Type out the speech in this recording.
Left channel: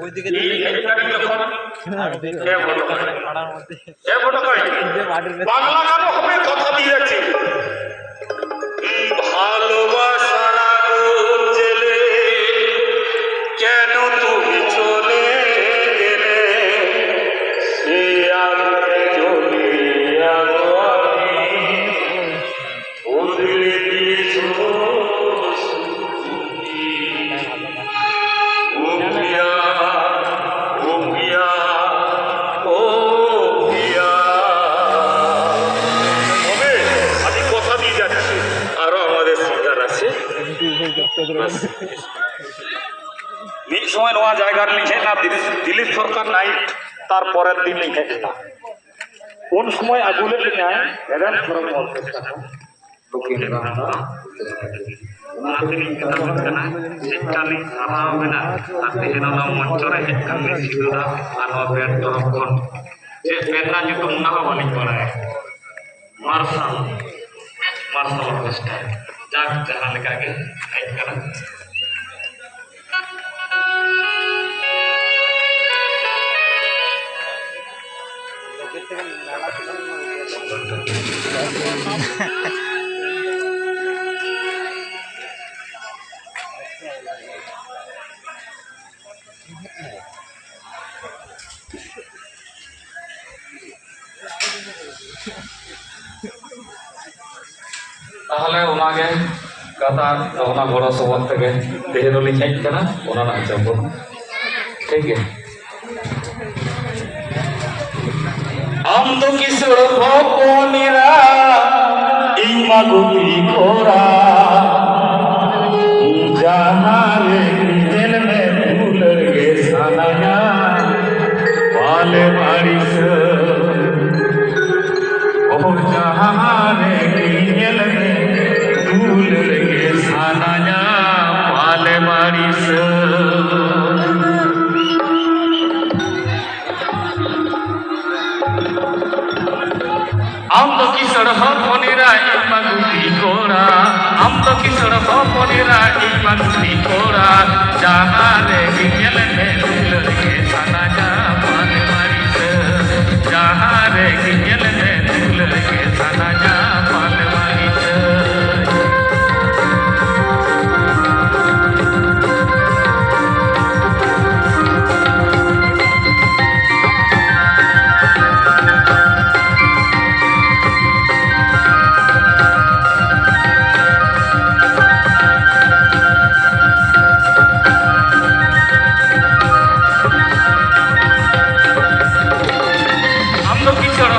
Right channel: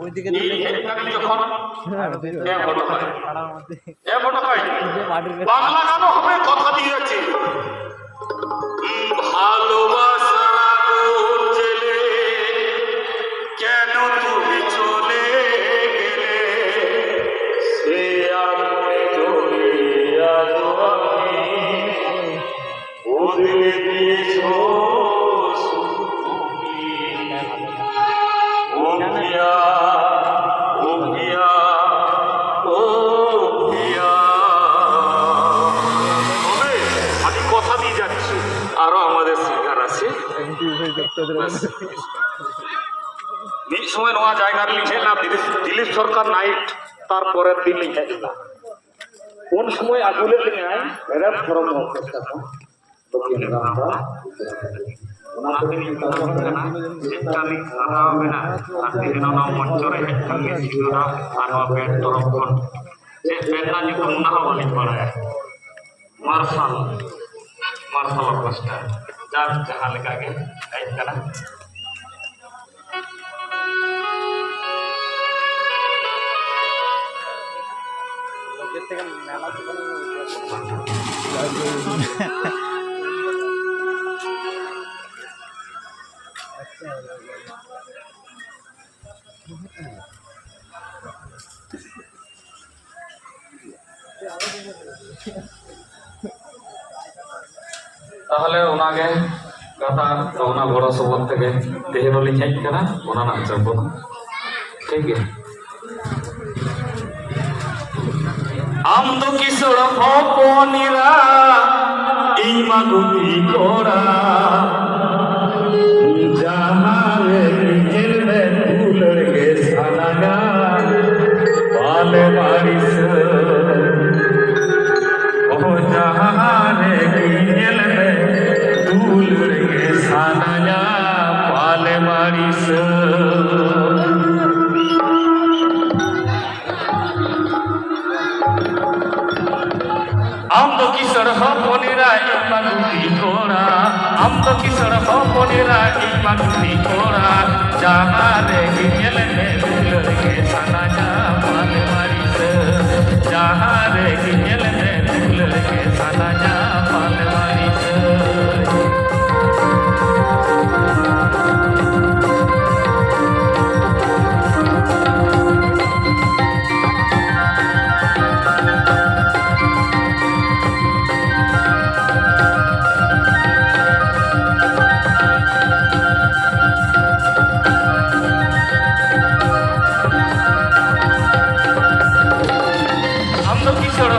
ওইদিকে বাংলা গানও হবে, কথা দিয়ে যাচ্ছি। ভালোবাসার আগুন জ্বেলে কেন তুমি চলে গেলে, সে আগুনে জ্বলে আলো আমি বদলে দিয়েছো সময় নয়া জায়গার লিখে না দিলীপ সরকার নাইট, তারপরের দিন লিখে না কোন সময় আগুলে এগার ধরম মার্শাল অবস্থা যাক যাহা লেখাকে হেজ কানা তাহলে ওনাকে কথা ওনা বড় সবর থেকে দেহরলি হেজ কানা ওনা না হিসাব ঠিক আছে। আমদ কিশোর ভপনীরা এই মাগুপি ঘোরা জানারে গিজেল মে ফুল গে সানায়া পালে মারিস ও জানারে গিজেল মে ফুল গে সানায়া পালে মারিস আমদ কিশোর ভপনীরা এই মাগুপি ঘোরা আমদ কিশোর ভপনীরা এই মাগুপি ঘোরা জাহারে গিয়েল মে ফুল গে সানায়া পালে মারিস জাহারে গিয়েল মে ফুল গে সানায়া পালে মারিস কিশোর